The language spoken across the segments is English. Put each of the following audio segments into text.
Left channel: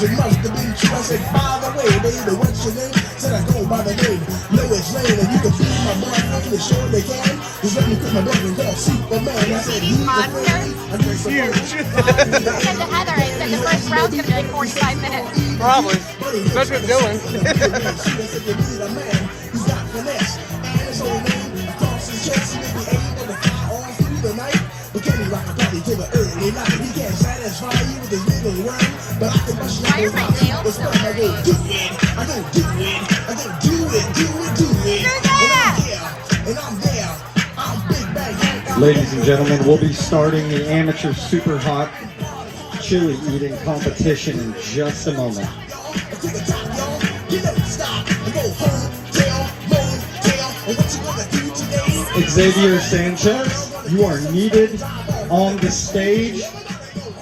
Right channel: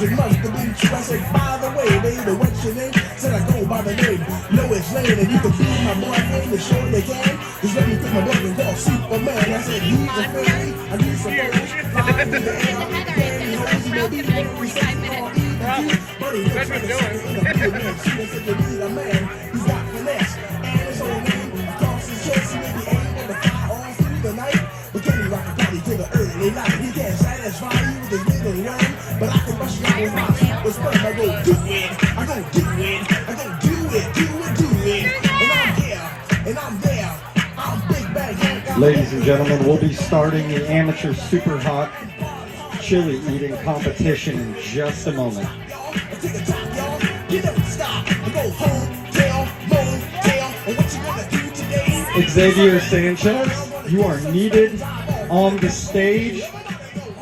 you must have been true. I said, by the way, baby, what's your name? Said I go by the name, Lois Lane, and you can be my motherfucker to show they can. Cause let me put my name in called Superman. I said, he's the man. I need some huge. Probably. Especially with Dylan. Ladies and gentlemen, we'll be starting the amateur super hot chili eating competition in just a moment. Xavier Sanchez, you are needed on the stage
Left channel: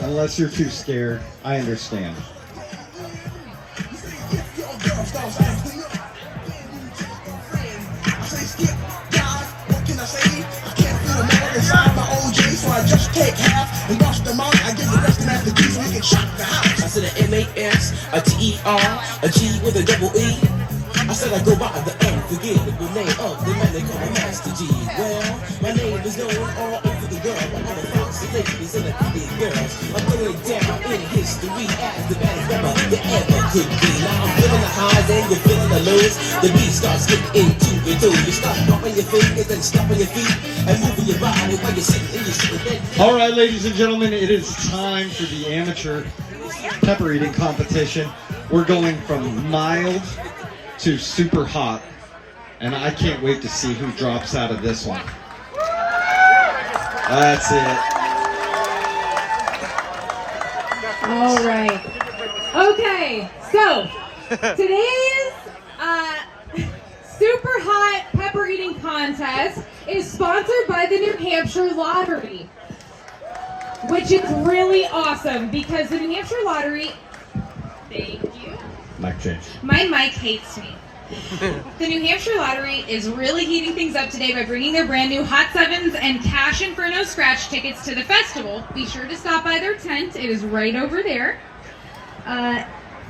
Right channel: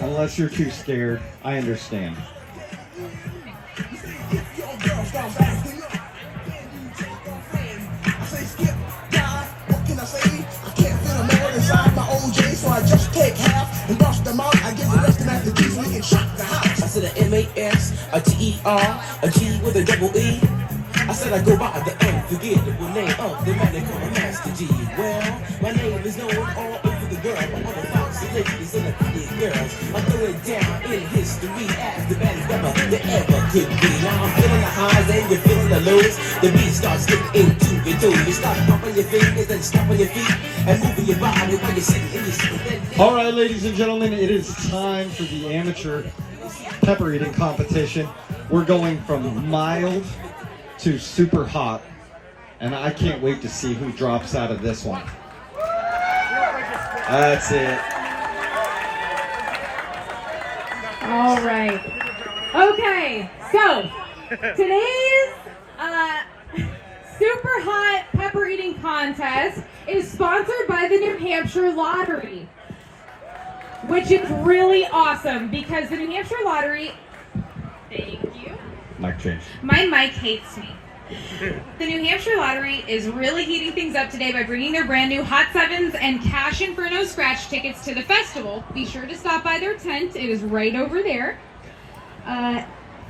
unless you're too scared. I understand. M-A-S, a T-E-R, a G with a double E. I said I go by the unforgettable name of the man they call Master G. Well, my name is known all over the world. I'm one of the foxy ladies and the pretty girls. I'm going down in history as the baddest rapper that ever could be. Now I'm feeling the highs and you're feeling the lows. The beat starts getting into your toes. You start popping your fingers and stomping your feet and moving your body while you're sitting in your seat. All right, ladies and gentlemen, it is time for the amateur pepper eating competition. We're going from mild to super hot, and I can't wait to see who drops out of this one. That's it. All right. Okay, so today's super hot pepper eating contest is sponsored by the New Hampshire Lottery, which is really awesome because the New Hampshire Lottery, thank you. Mic change. My mic hates me. The New Hampshire Lottery is really heating things up today by bringing their brand new Hot Sevens and Cash Inferno scratch tickets to the festival. Be sure to stop by their tent. It is right over there.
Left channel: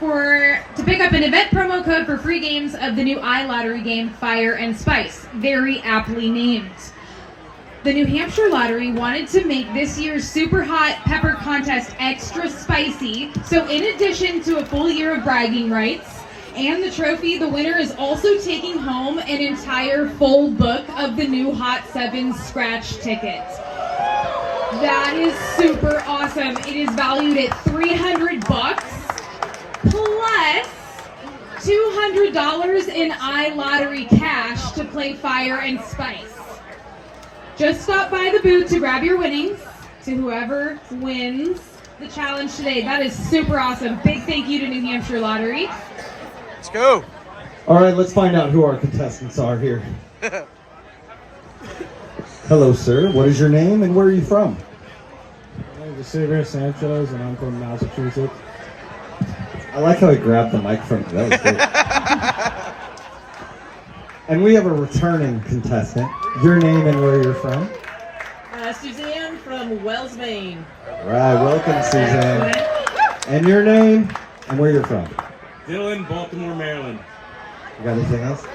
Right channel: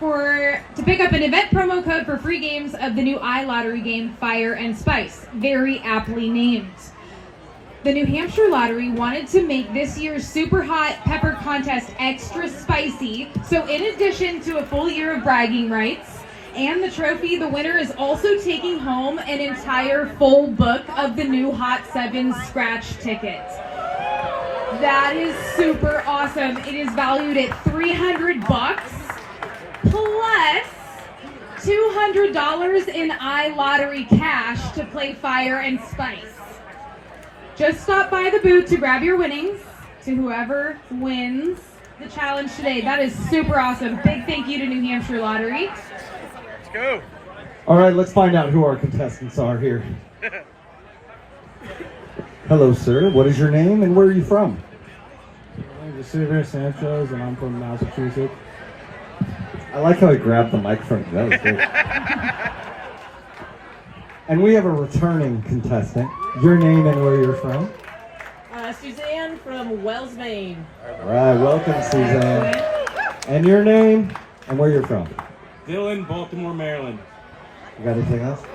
To pick up an event promo code for free games of the new iLottery game, Fire and Spice. Very aptly named. The New Hampshire Lottery wanted to make this year's super hot pepper contest extra spicy, so in addition to a full year of bragging rights and the trophy, the winner is also taking home an entire full book of the new Hot Sevens scratch tickets. That is super awesome. It is valued at $300 plus $200 in iLottery cash to play Fire and Spice. Just stop by the booth to grab your winnings to whoever wins the challenge today. That is super awesome. Big thank you to New Hampshire Lottery. Let's go. All right, let's find out who our contestants are here. Hello, sir. What is your name and where are you from? My name is Jayson Sanchez and I'm from Massachusetts. I like how he grabbed the microphone. That was good. And we have a returning contestant. Your name and where you're from? Suzanne from Wells, Maine. All right, welcome, Suzanne. And your name and where you're from? Dylan, Baltimore, Maryland. You got anything else?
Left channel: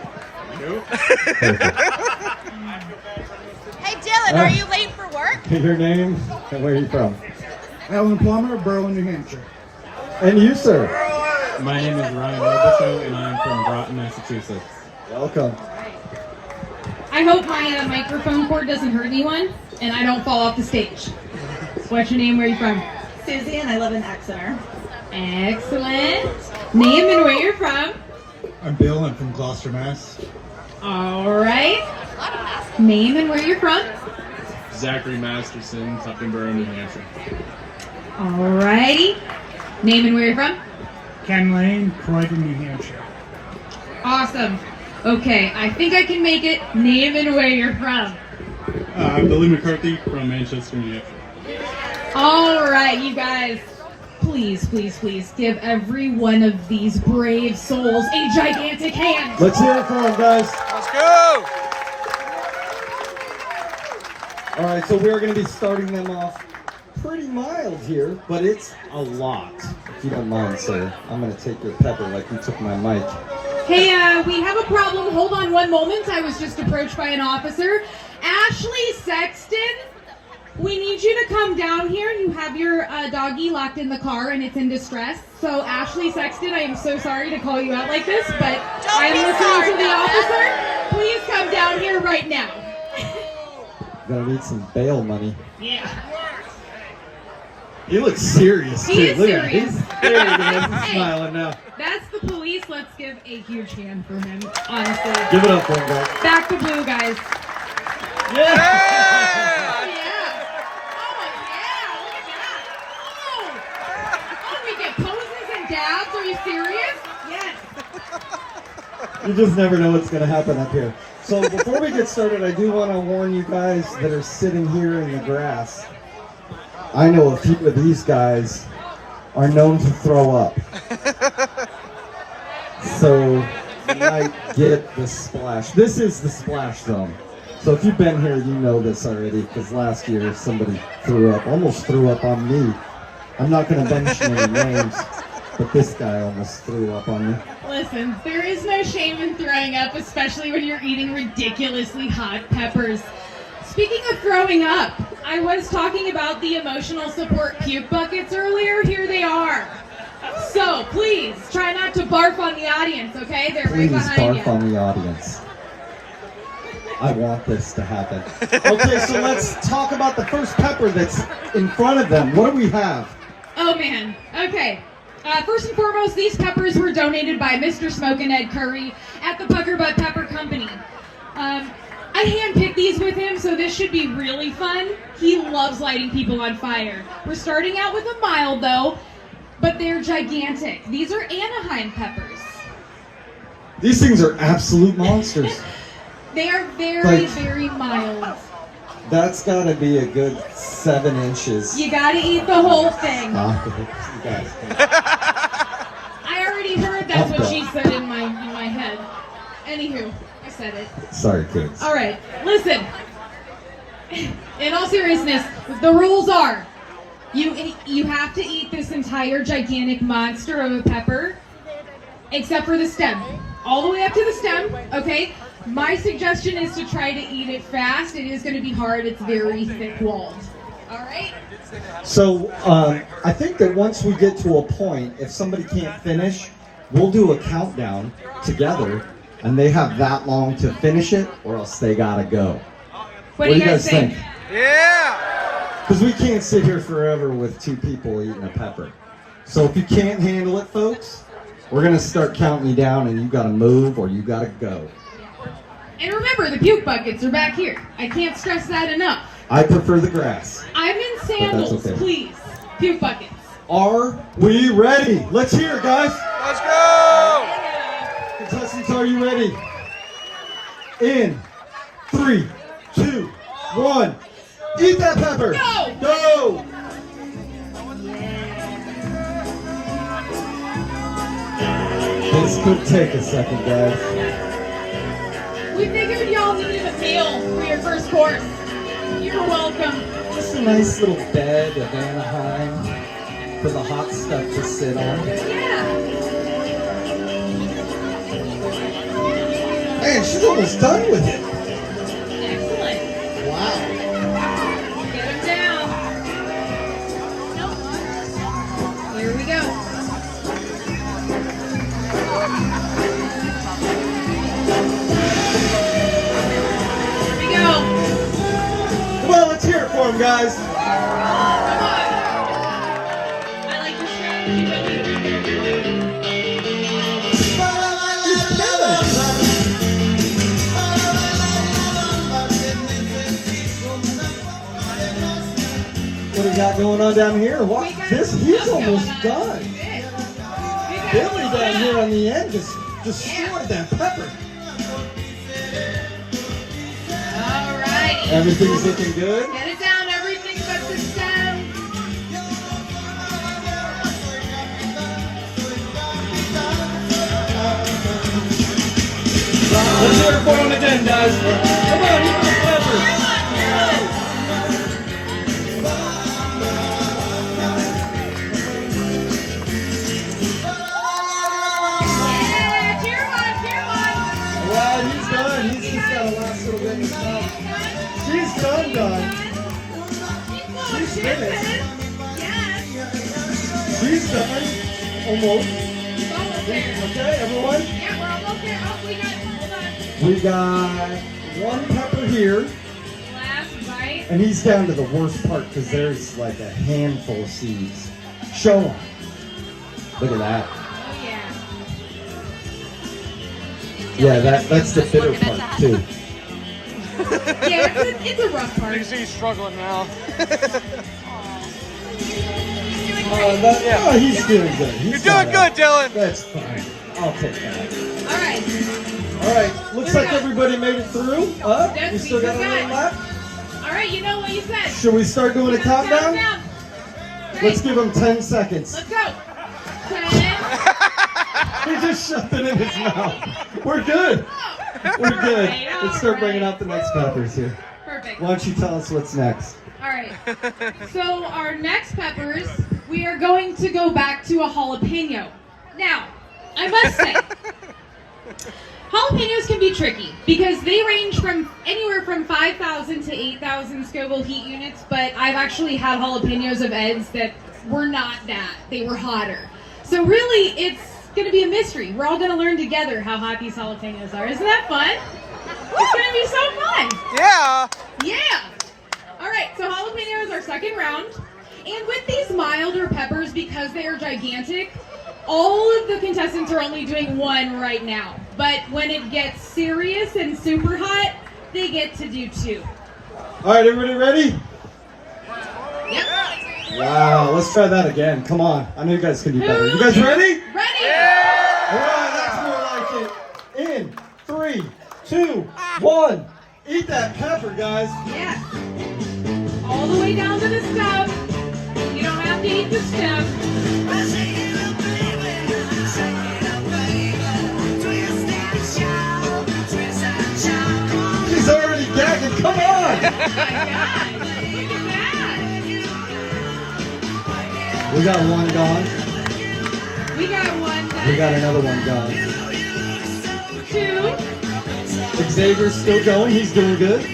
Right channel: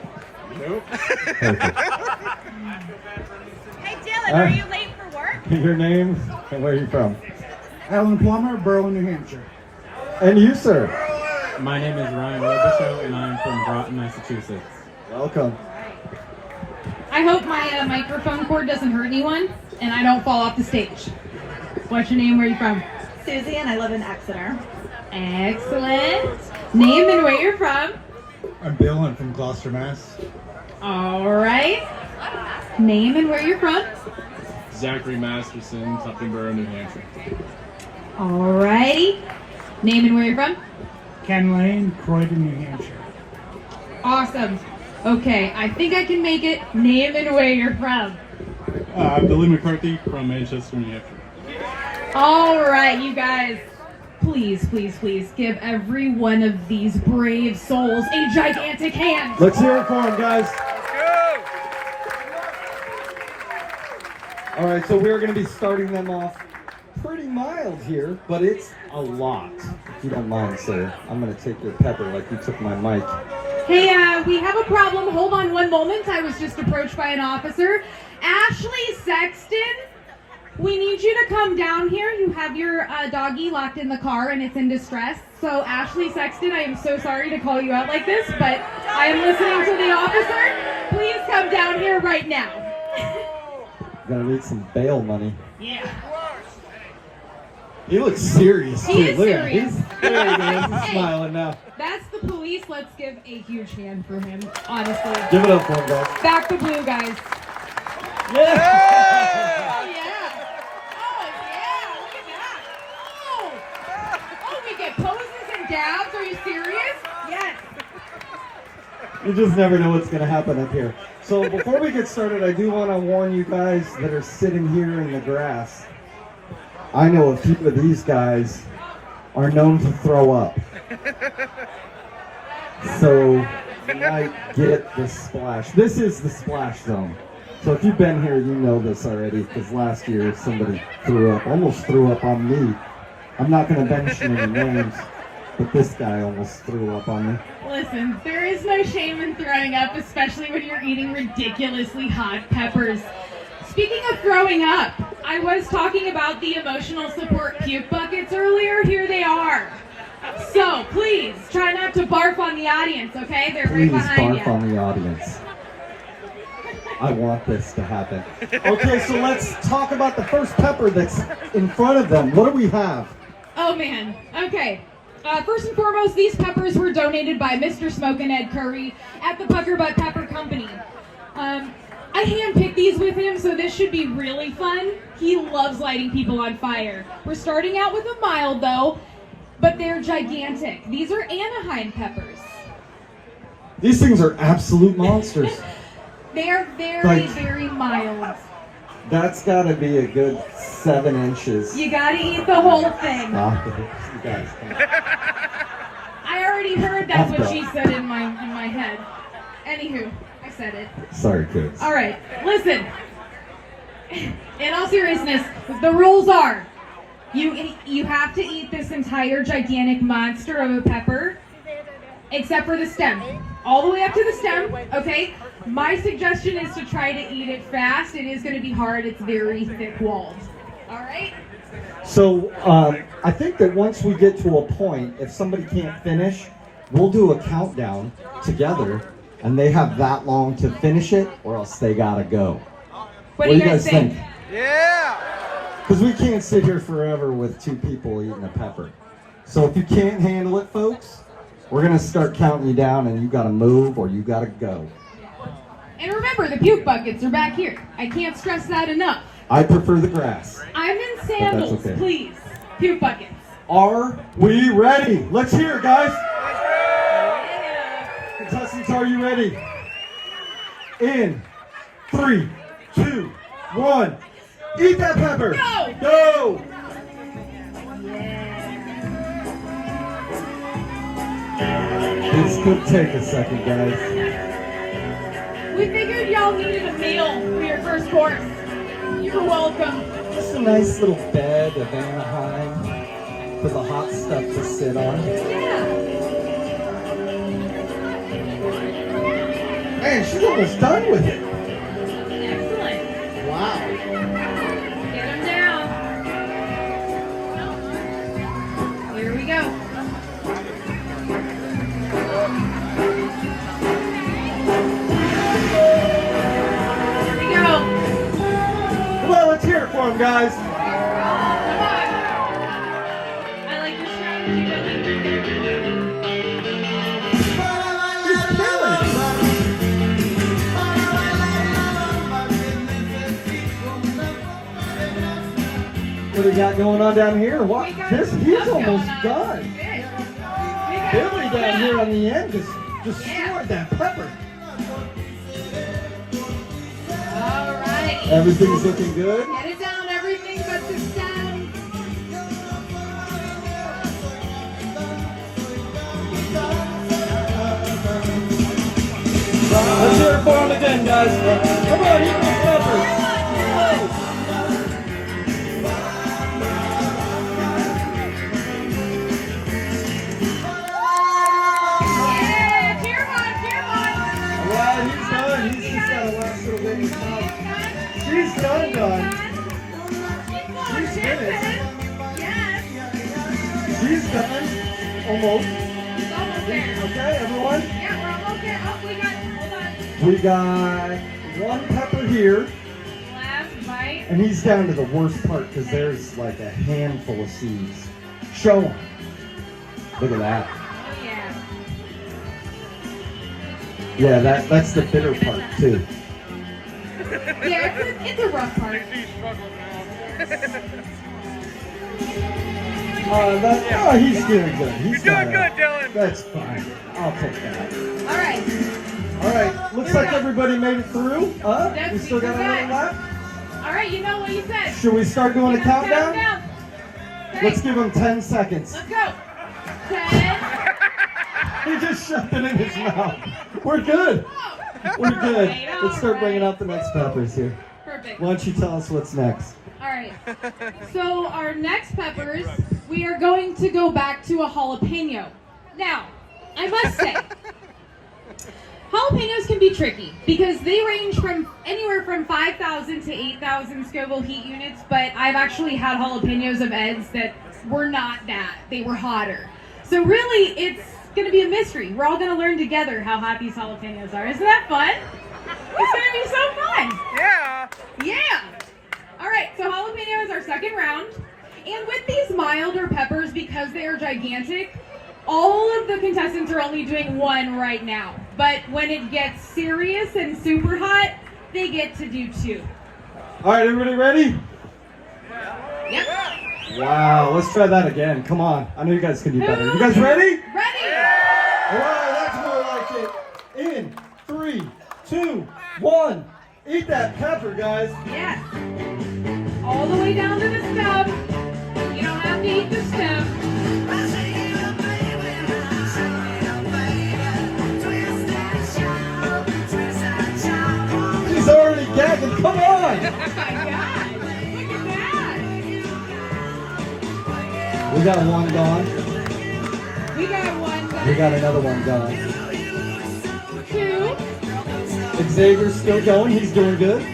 Nope. Hey Dylan, are you late for work? Your name and where are you from? Alan Plummer, Berlin, New Hampshire. And you, sir? My name is Ryan Robertson and I'm from Groton, Massachusetts. Welcome. I hope my microphone cord doesn't hurt anyone and I don't fall off the stage. What's your name? Where are you from? Susie, and I live in Exeter. Excellent. Name and where you're from? I'm Bill, I'm from Gloucester, Mass. All right. Name and where you're from? Zachary Masterson, Tuckenboro, New Hampshire. All righty. Name and where you're from? Ken Lane, Croydon, New Hampshire. Awesome. Okay, I think I can make it. Name and where you're from. Billy McCarthy from Manchester, New Hampshire. All right, you guys. Please, please, please give every one of these brave souls a gigantic hand. Let's hear it for them, guys. Let's go. All right, so we're going to be starting them off pretty mild here, but it's a lot. If you don't mind, sir, I'm gonna take your pepper like you took my mic. Hey, we have a problem. Hold on one moment. I was just approached by an officer. Ashley Sexton, we need you to come down here. You have your doggy locked in the car and it's in distress. So Ashley Sexton, I am so sorry to call you out like this, but I am listening to the officer. Please come down here right now. Gonna need some bail money. Yeah. He looks serious too. He is Look at him. serious. There he is. He's smiling now. That's the police. Let's give a huge hand for him, honestly. Give it up for him, guys. Back the blue, guys. Yeah. Oh, yeah. Oh, yeah. Look at that. Oh, we get poses and dabs. Are you serious? Yes. You just never know what's going to happen up here. So before we get started, I do want to warn you guys that are sitting here in the grass. I know a few of these guys are known to throw up. So you might get the splash. This is the splash zone. So if you've been here, you know this already, because last year somebody threw up, almost threw up on me. I'm not going to mention any names, but this guy almost threw up on me. Listen, there is no shame in throwing up, especially when you're eating ridiculously hot peppers. Speaking of throwing up, I was talking about the emotional support puke buckets earlier. Here they are. So please try not to barf on the audience, okay? They're Please right behind barf you. on the audience. I want this to happen. Okay, so let's talk about the first pepper that's in front of them. What do we have? Oh man. Okay. First and foremost, these peppers were donated by Mr. Smoke and Ed Curry at the Pucker Butt Pepper Company. I handpicked these with him, so this should be really fun. He loves lighting people on fire. We're starting out with a mild though, but they're gigantic. These are Anaheim peppers. These things are absolute monsters. They are very, Like- very mild. That's got to be a good 7 inches. You gotta eat the whole thing. Stop it. You guys. I already heard that's what she said in my head. Anywho, I said it. Sorry, kids. All right, listen. In all seriousness, the rules are: you have to eat this entire gigantic monster of a pepper, except for the stem, all the way up to the stem. Okay. My suggestion is to try to eat it fast. It is going to be hard. It's very thick-walled. All right. So I think that once we get to a point, if somebody can't finish, we'll do a countdown together, and they have that long to finish it, or else they gotta go. What do you guys think? Yeah! Because we can't sit here forever with 2 people eating a pepper. So if you can't handle it, folks, we're gonna start counting you down, and you gotta move or you gotta go. And remember, the puke buckets are back here. I can't stress that enough. I prefer the grass. I'm in sandals, okay. please. Puke buckets. Are we ready? Let's hear it, guys. Let's go! Contestants, are you ready? In 3, 2, 1. Eat that pepper. Go! Go! This could take a second, guys. We figured y'all needed a meal for your first course. You're welcome. Just a nice little bed of Anaheim for the hot stuff to sit on. Yeah. Man, she's almost done with it. Excellent. Wow. Get them down. Here we go. Here we go. Well, let's hear it for him, guys. I like your strategy, Billy. What do we got going on down here? What? This, he's almost done. Billy down here on the end just destroyed that pepper. All right. Everything's looking good. Get it down, everything but the stem. Let's hear it for him again, guys. Come on, eat those peppers. These guys, almost. Almost there. Okay, everyone? Yeah, we're almost there. Oh, We got one pepper here, last, right? and he's down to the worst part because there's like a handful of seeds. Show him. Look at that. Oh, yeah. Yeah, that's the bitter part too. Yeah, it's a rough part. You see he's struggling now. He's doing good. You're doing good, Dylan. That's fine. I'll take that. All right. All right, looks like everybody made it through. Yes, We still got a little left. All right, you know what you said. Should we start doing a Count countdown? down. Let's give him 10 seconds. Let's go. 10. He just shoved it in his mouth. We're good. We're good. Let's start bringing up the next peppers here. Perfect. Why don't you tell us what's next? All right. So our next peppers, we are going to go back to a jalapeno. Now, I must say, jalapenos can be tricky because they range from anywhere from 5,000 to 8,000 Scoville heat units, but I've actually had jalapenos of Ed's that were not that. They were hotter. So really, it's going to be a mystery. We're all going to learn together how hot these jalapenos are. Isn't that fun? It's going to be so fun. Yeah. Yeah. All right, so jalapeno is our second round. And with these milder peppers, because they are gigantic, all of the contestants are only doing one right now. But when it gets serious and super hot, they get to do two. All right, everybody ready? Yep. Wow, let's try that again. Come on. I know you guys can do better. You guys ready? Ready? All right, that's more like it. In 3, 2, 1. Eat that pepper, guys. Yeah. All the way down to the stem. You don't have to eat the stem. She's already gagging. Come on. Oh my gosh. Look at that. We got one gone. We got one done. We got another one gone. Two. Xavier's still going. He's doing good.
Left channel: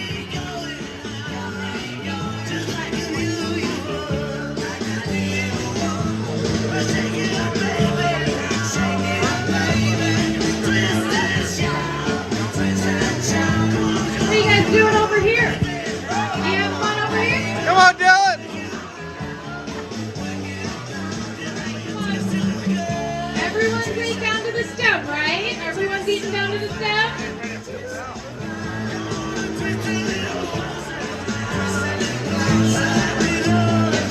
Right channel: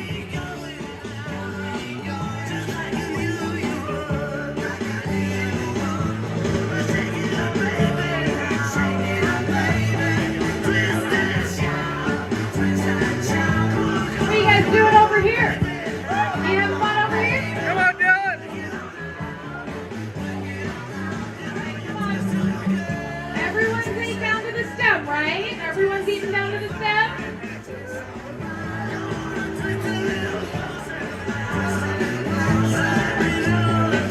What are you guys doing over here? You having fun over here? Come on, Dylan. Everyone's eating down to the stem, right? Everyone's eating down to the stem?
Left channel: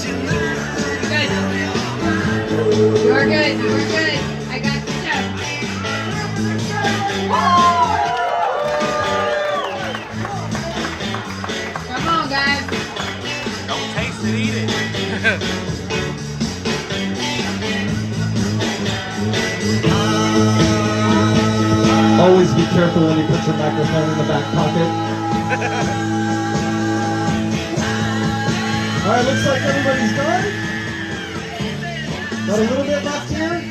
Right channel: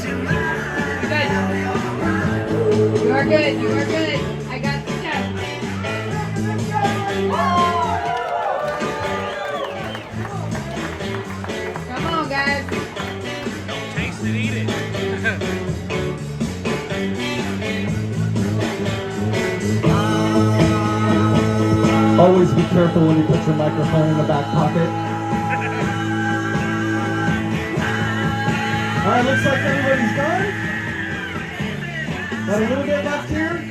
Good. You are good. You are good. I got the stem. Come on, guys. Don't taste it, eat it. Always be careful when you put your microphone in the back pocket. All right, looks like everybody's done. Got a little bit left here.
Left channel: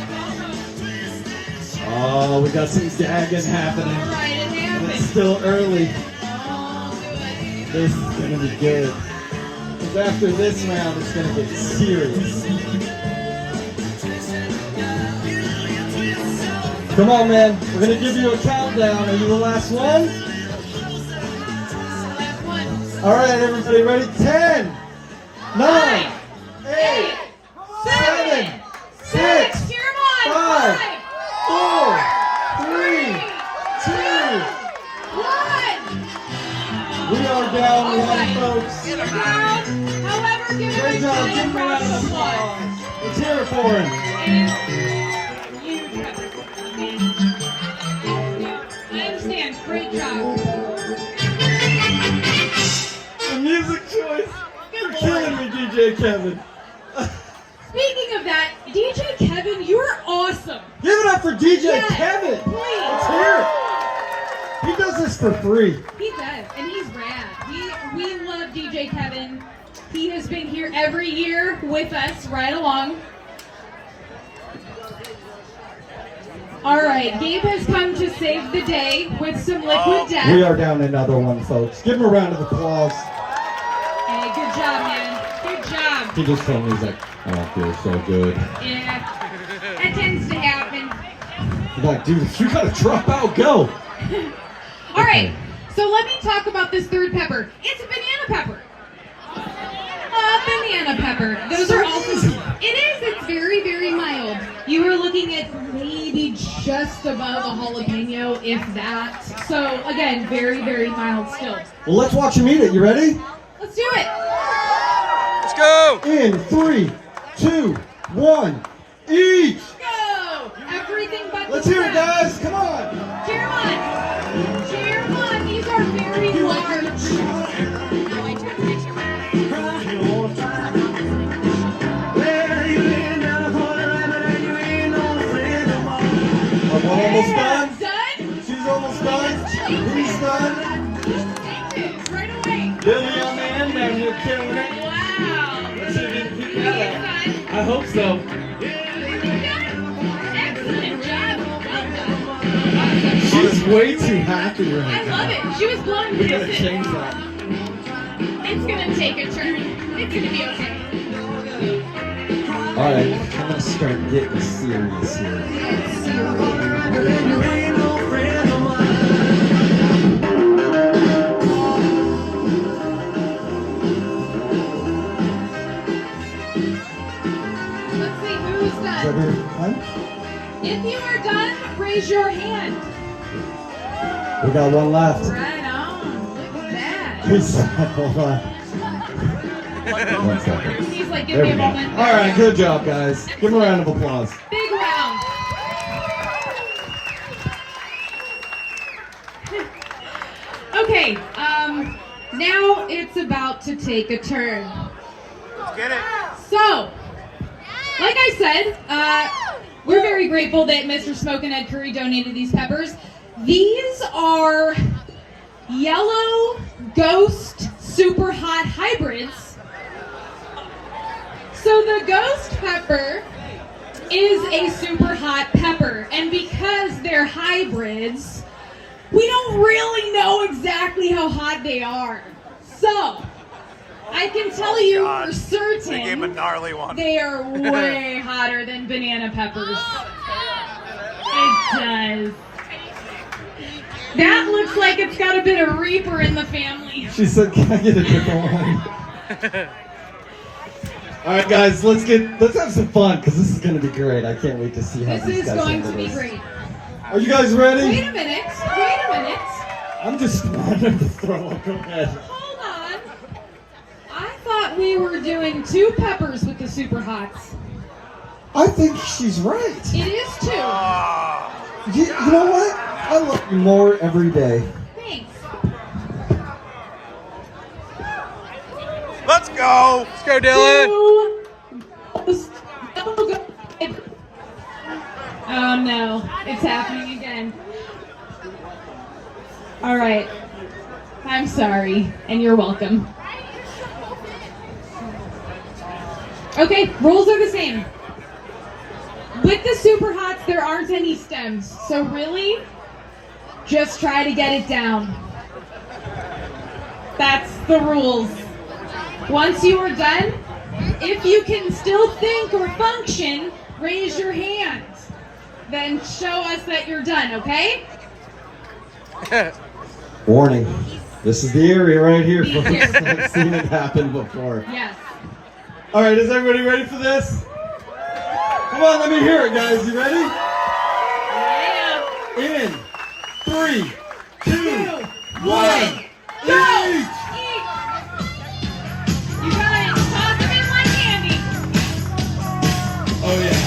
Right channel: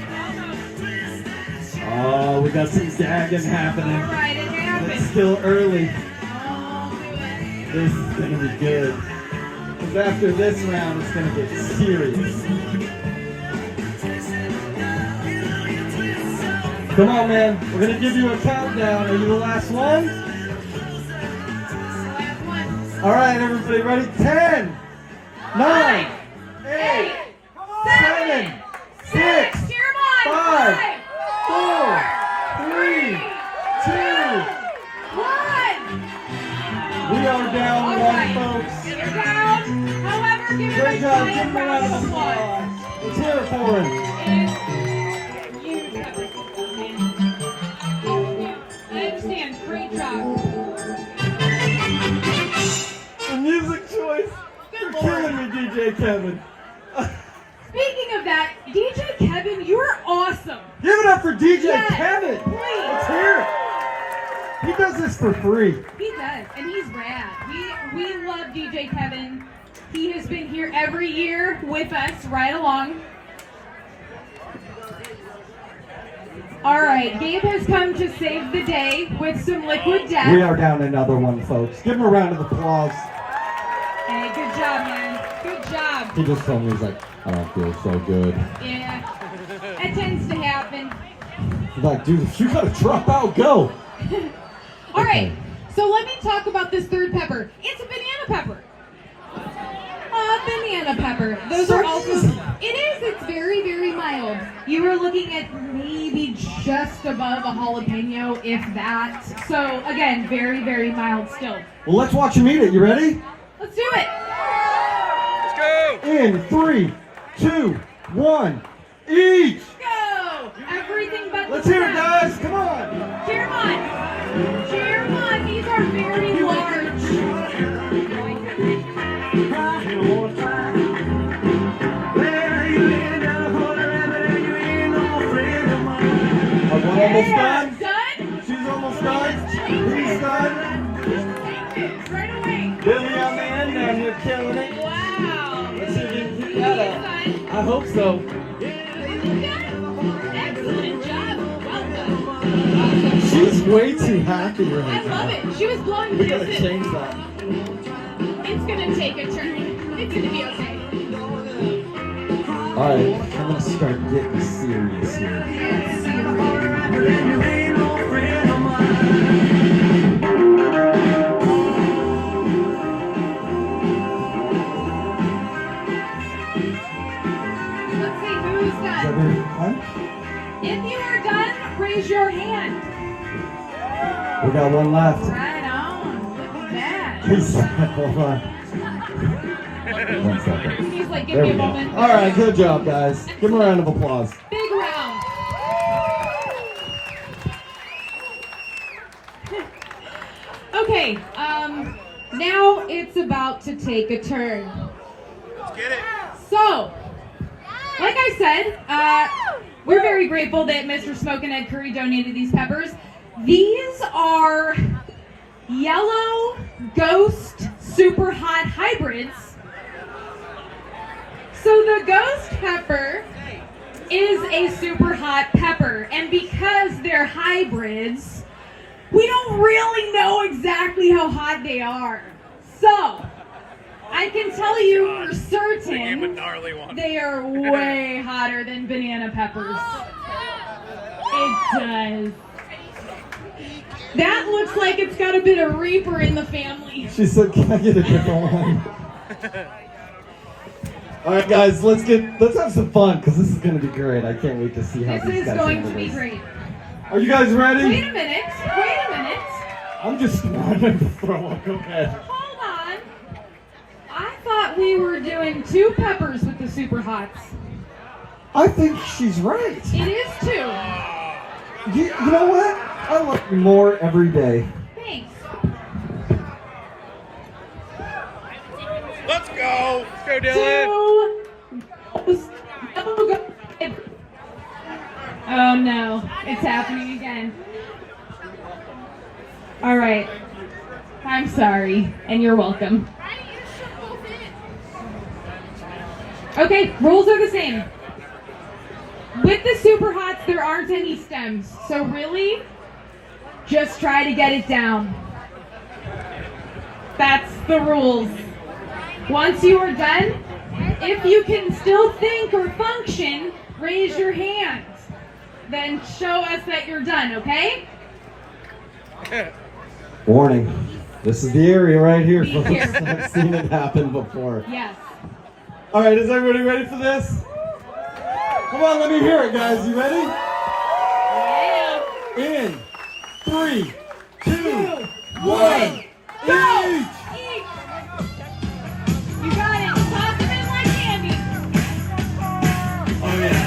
Oh, we got some gagging happening. All right, and now It's still early. oh, good. This is gonna be good. 'Cause after this round, it's gonna get serious. Come on, man. We're gonna give you a countdown. Are you the last one? All right, everybody, ready? 10, 9, 8, 7, 6, 5, 4, 3, 2. 1. We are down one, folks. However, give him Great a job. Give giant him a round round of of applause. applause. Let's hear it for him. I understand. Great job. The music choice. You're killing me, DJ Kevin. Speaking of that, DJ Kevin, you're awesome. Give it up for DJ Yes, Kevin. please. Let's hear it. He does this for free. He does, and he's rad. We love DJ Kevin. He has been here every year with us right along. All right, Gabe has come to save the day with some liquid death. We are down another one, folks. Give him a round of applause. Hey, good job, man. Good job. He just told me, he's like, I don't feel so good. Yeah, it tends to happen. He's like, dude, if you gotta drop out, go. All right, so let me talk about this third pepper. It's a banana pepper. Banana pepper. Those are also. It is. It's very, very mild. You were looking at maybe just above a jalapeno, if that. So again, very, very mild still. Well, let's watch him eat it. You ready? Let's do it. Let's go. In 3, 2, 1, eat! Go. Everything but. Let's hear it, guys. Come on. Cheer 'em on. Cheer 'em on. These are very large. One almost done. Done? She's almost done. He's done. Right away. Billy on the end down here killing it. Wow. Let's see if we can keep that up. Done. I hope so. Excellent job. Well done. She's way too happy I right now. love it. She was blowing We gotta kisses. change that. It's gonna take a turn. It's gonna be okay. Alright, I'm gonna start getting serious here. Let's see who's done. If you are done, raise your hand. We got one left. Right on. Look at that. He's hold on. One second. He's like, give There me we a go. moment. Alright, good job, guys. Give him a round of applause. Big round. Okay, now it's about to take a turn. Let's get it. So, like I said, we're very grateful that Mr. Smoke and Ed Curry donated these peppers. These are yellow ghost super hot hybrids. So the ghost pepper is a super hot pepper, and because they're hybrids, we don't really know exactly how hot they are. So, I can tell you for They gave him a certain gnarly one. they are way hotter than banana peppers. It does. That looks like it's got a bit of Reaper in the family. She said, can I get a different one? Alright guys, let's have some fun, because this is going to be great. I can't wait to see how This these is guys going handle to be this. great. Are you guys ready? Wait a minute. Wait a minute. I'm just wanting to throw up. Go ahead. Hold on. I thought we were doing 2 peppers with the super hots. I think she's right. It is 2. You know what? I look more every day. Thanks. Let's go. Let's go, Dylan. 2. Oh no, it's happening again. All right. I'm sorry, and you're welcome. Okay, rules are the same. With the super hots, there aren't any stems, so really, just try to get it down. That's the rules. Once you are done, if you can still think or function, raise your hand. Then show us that you're done, okay? Warning. This is the area right here. Be Folks. careful. I've seen it happen before. Yes. Alright, is everybody ready for this? Come on, let me hear it, guys. You ready? Yeah. In 3, 2, 1, Go! eat! Eat! You got it. Toss them in like candy. Oh yeah.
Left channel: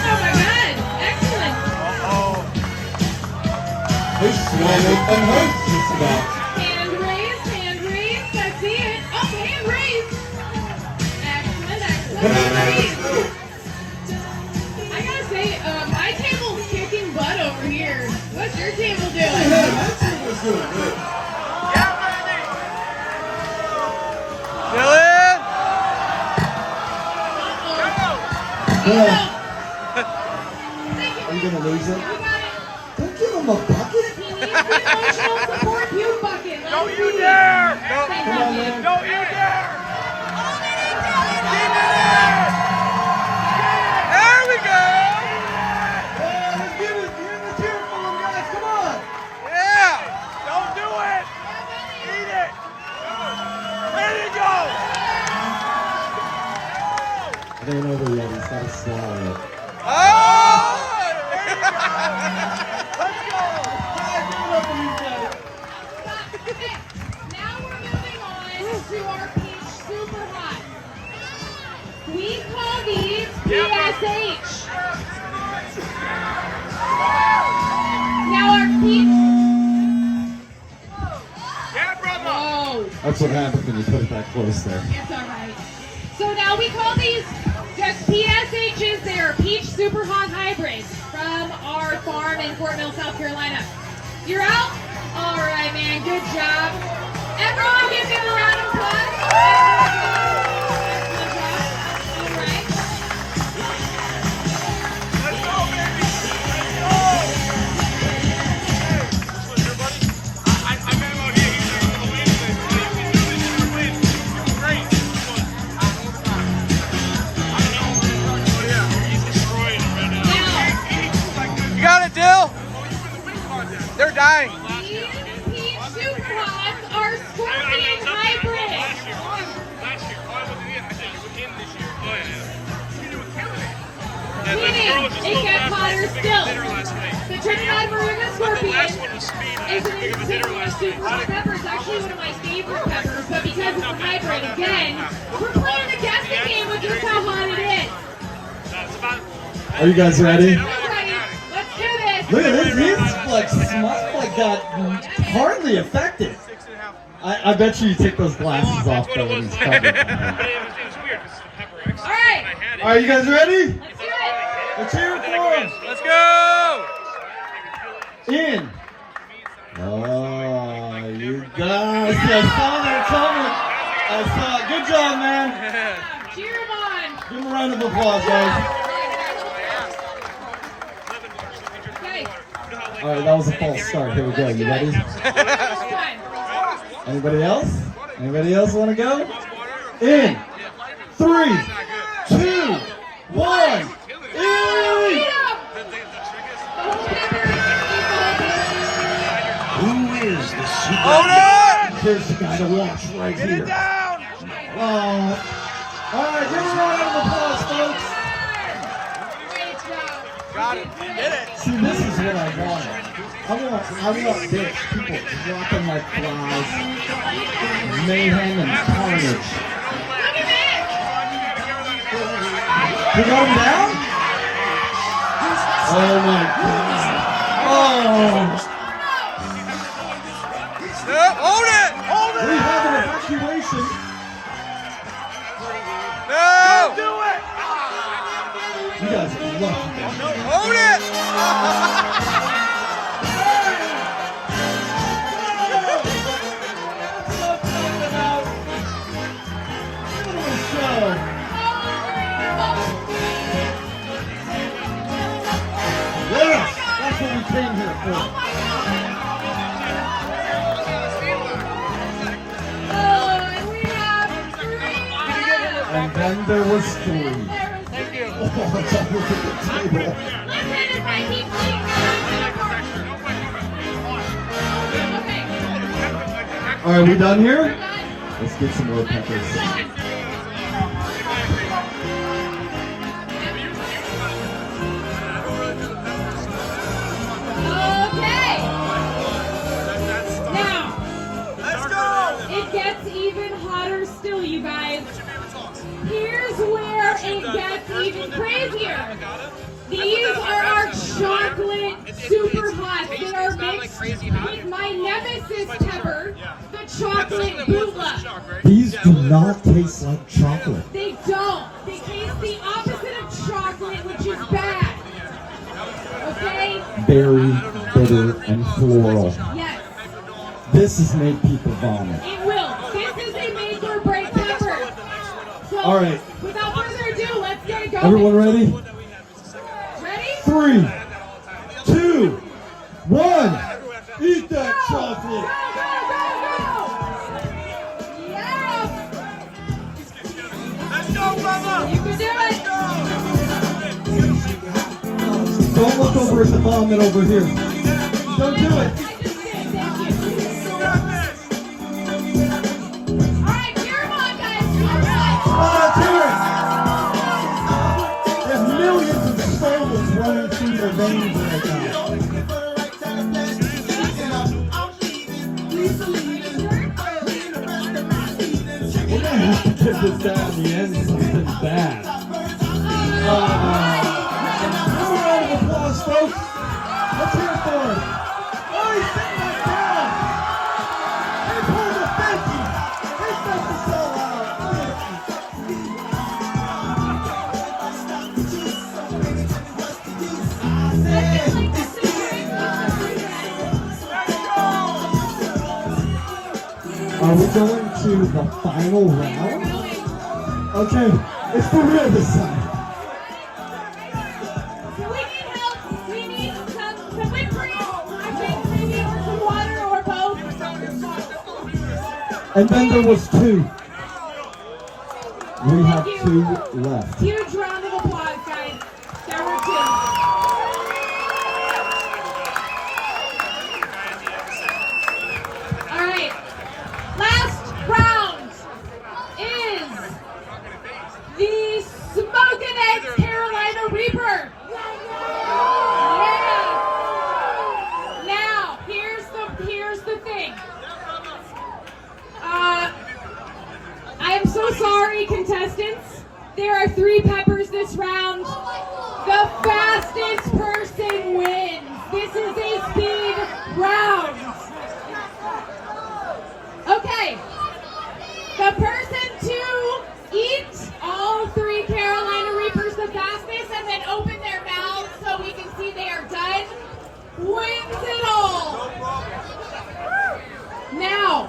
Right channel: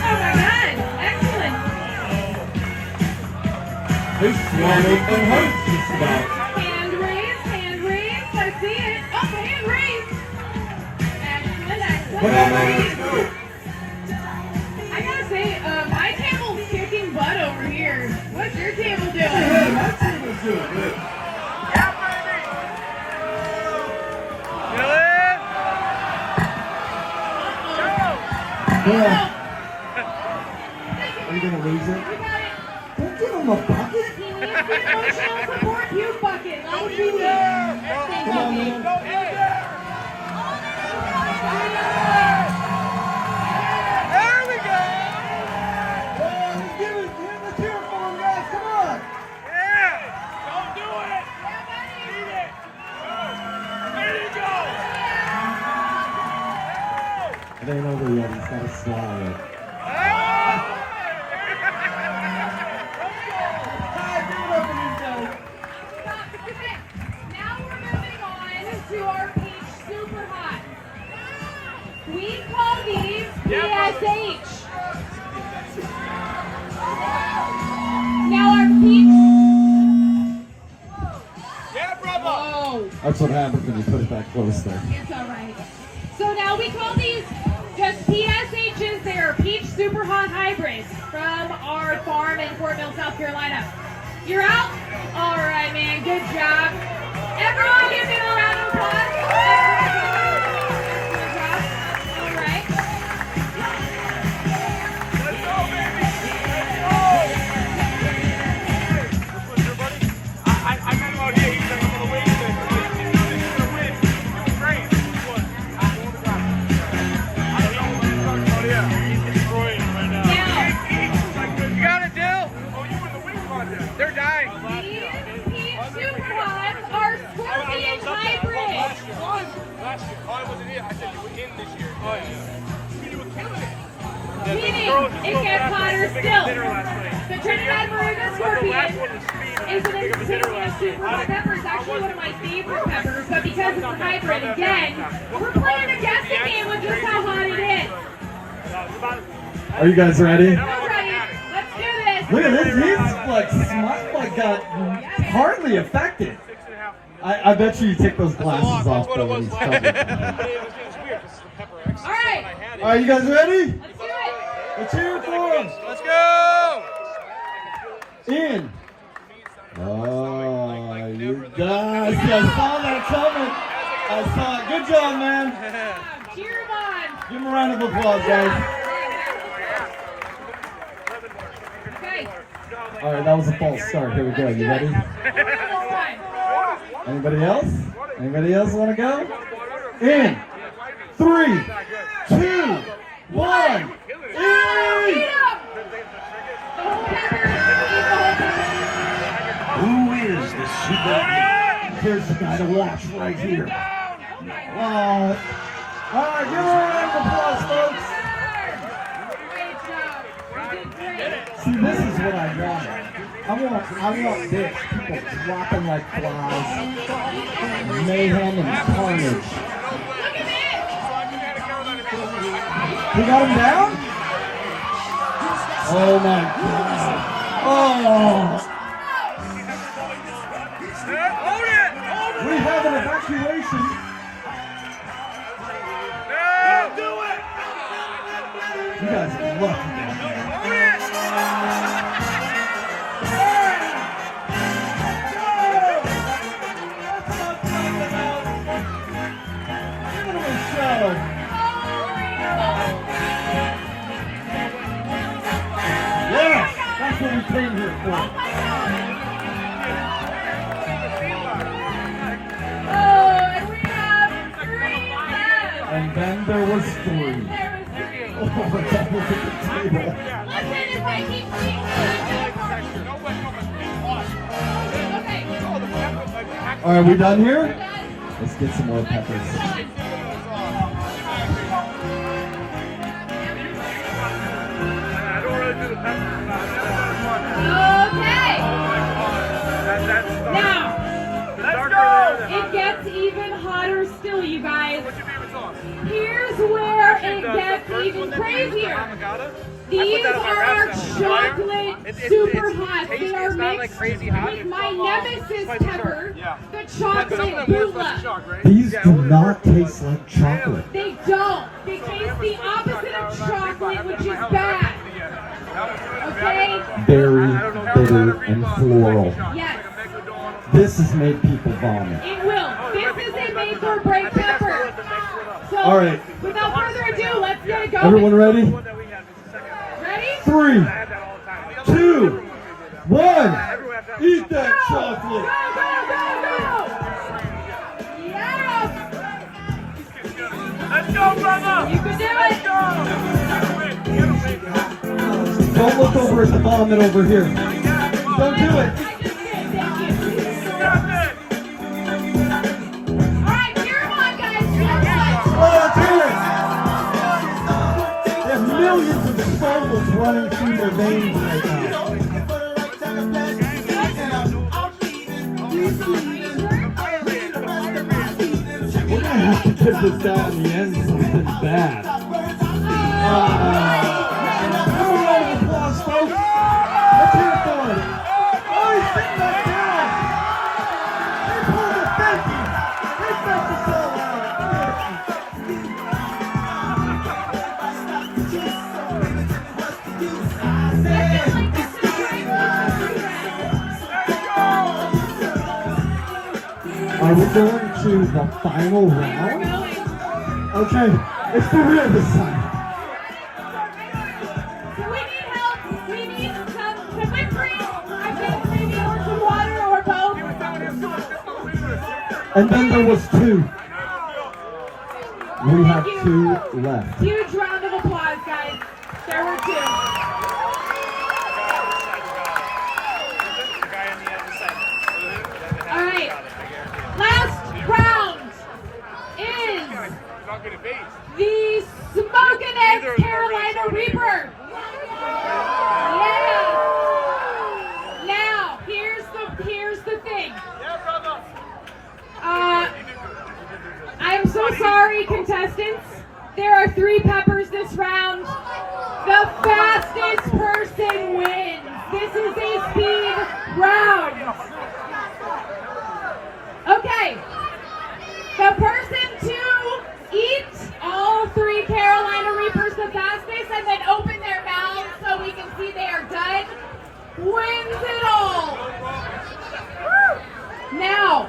Oh my God! Excellent. This swallowed and hurts just about. Hand raised. Hand raised. I see it. Oh, hand raised. Excellent. Excellent. Come on, Hand man. raised. I gotta say, my table's kicking butt over here. What's your table doing? That team was doing good. Yeah, baby. Dylan. Go. Are you gonna lose it? You got it. Don't give him a bucket. puke bucket. Let Don't us you see. dare! Thank Come on, you. man. Don't you dare! There we go! Let's give it the cheer for him, guys. Come on. Yeah! Don't do it! Eat it! Go! There you go! It ain't over yet. He's got to swallow it. Oh! Now we're moving on to our peach super hot. We call these PSH. Now our peach. Yeah, brother! Whoa, That's what happens when you put it that close there. it's all right. So now we call these just PSHs. They are peach super hot hybrids from our farm in Fort Mill, South Carolina. You're out? All right, man. Good job. Everyone give me a round of applause. Excellent job. All right. Let's go, baby! Let's go! Hey, this one's your buddy? I met him out here. He was like, I'm gonna win this. I'm like, you can do this. You're gonna win. You're doing great. Which one? The one with the glasses. Yeah. I don't know what he's talking about here. He's destroying it right now. He's like, You got it, Dill? oh, you win the wing contest. They're dying. Last year. These peach super hots are scorpion hybrids. Last year. Last year. Oh, I wasn't here. I said you were in this year. Oh, yeah. You're doing good. The girl was just It so gets fast, like, hotter too big of a still. dinner last night. The Trinidad Maruga But the last scorpion one was speed, and is too big of a dinner last night. Hot pepper is actually one of my favorite peppers, but because it's a hybrid again, we're playing a guessing game with just how hot it is. It's about. Are you guys ready? All right, let's do this. Look at this. He's like smart, got hardly affected. 6.5. I bet you take those glasses off. That's what it though, was. when he's It covered. was weird. This is pepper X. All right, All right, you guys ready? let's do it. Let's hear it for him. Let's go! In. Oh, you guys. I saw that coming. I saw it. Good job, man. Cheer 'em on. Give him a round of applause, guys. Okay, All right, that was a false start. Here we go. You ready? first one. Anybody else? Anybody else want to go? In. 3, 2, 1. In. Eat 'em. The whole pepper. Who is the super? Hold it! Here's the guy to watch right here. Oh. All right, give a round of applause, folks. Great job. You did great. See, this is what I want. I want this. People dropping like flies. Mayhem and carnage. Look at this. We got him down? Oh my God. Oh. Hold it! We have an evacuation. No! You guys are lucky down there. Hold it! Give it a show. Yes, that's what we came here for. Oh, and we have. And then there was 3. Thank you. Oh, that was a good table. Listen, if I keep playing okay, All right, we done here? done. Let's get some more peppers. Okay. Now, Let's go! it gets even hotter still, you guys. What's your favorite sauce? Here's where it gets even crazier. These are our chocolate super hot. They are mixed with my nemesis pepper, the chocolate bula. These do not taste like chocolate. They don't. They taste the opposite of chocolate, which is bad. Okay? Berry, bitter, and floral. Yes, This has made people vomit. it will. This is a make or break pepper. So, All right. without further ado, let's get it going. Everyone ready? Ready? 3, 2, 1. Eat that chocolate. Yeah! Let's go, brother! You can do Let's it! go! You gotta win, man. Don't look over at the vomit over here. Don't do it. I just did, thank you. You got this! Alright, cheer 'em on, guys. Cheer 'em on. Oh, let's hear it. There's millions of souls running through their veins right now. We're gonna have to get this down in the end something bad. Give me a round of applause, folks. Let's hear it for him. Oh, he's sitting back down. He pulled a Paqui. He felt the soul Are we going to the final round? Okay, it's for real this time. We need help. We need some whipped cream. I think maybe or some water or both. And then there was two. We have two left. Huge round of applause, guys. There were two. All right. Last round is the Smokin' Eggs Carolina Reaper. Yeah. Now, here's the thing. I am so sorry, contestants. There are 3 peppers this round. The fastest person wins. This is a speed round. Okay. The person to eat all 3 Carolina Reapers the fastest and then open their mouths so we can see they are done wins it all. Now,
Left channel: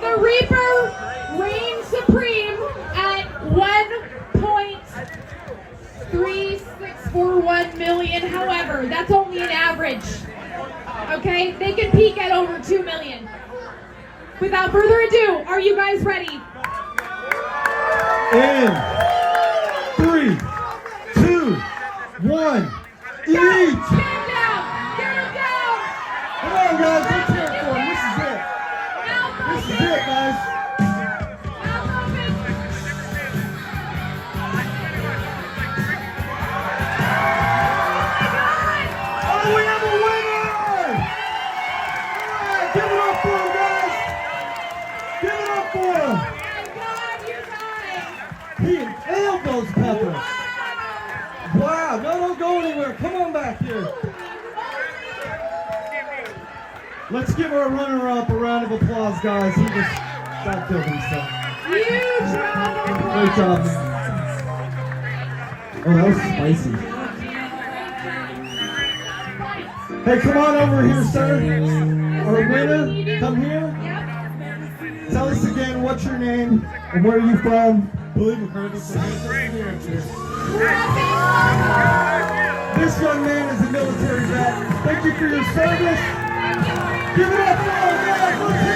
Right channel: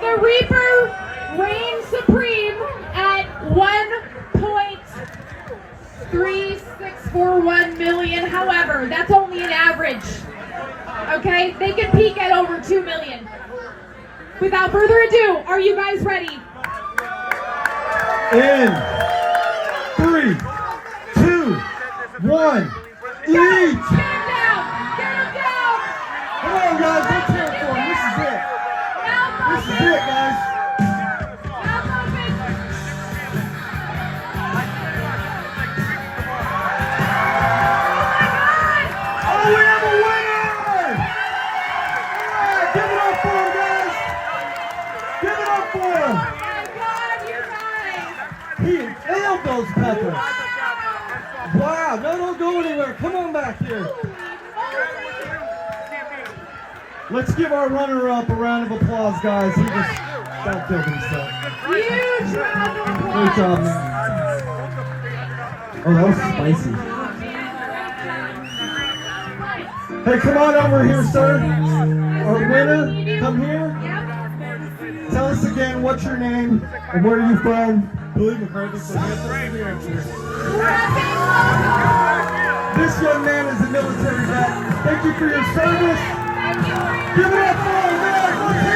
the Reaper reigns supreme at 1.3641 million. However, that's only an average. Okay? They can peak at over 2 million. Without further ado, are you guys ready? In 3, 2, 1, eat! Get him down! Get him down! Come on, guys, let's hear it for him. This is it. This is it, guys. Oh, we have a winner! Yeah, give it up for him, guys. Give it up for him. He inhaled those peppers. Wow, no, don't go anywhere. Come on back here. Let's give our runner-up a round of applause, guys. He just got killed himself. Huge round of applause. Great job, man. Oh, that was spicy. Hey, come on over here, sir. Our winner, come here. Tell us again what's your name and where are you from? Billy McCarthy from Kansas, New Hampshire. This young man is a military vet. Thank you for your service. Give it up for him, man. Let's hear it.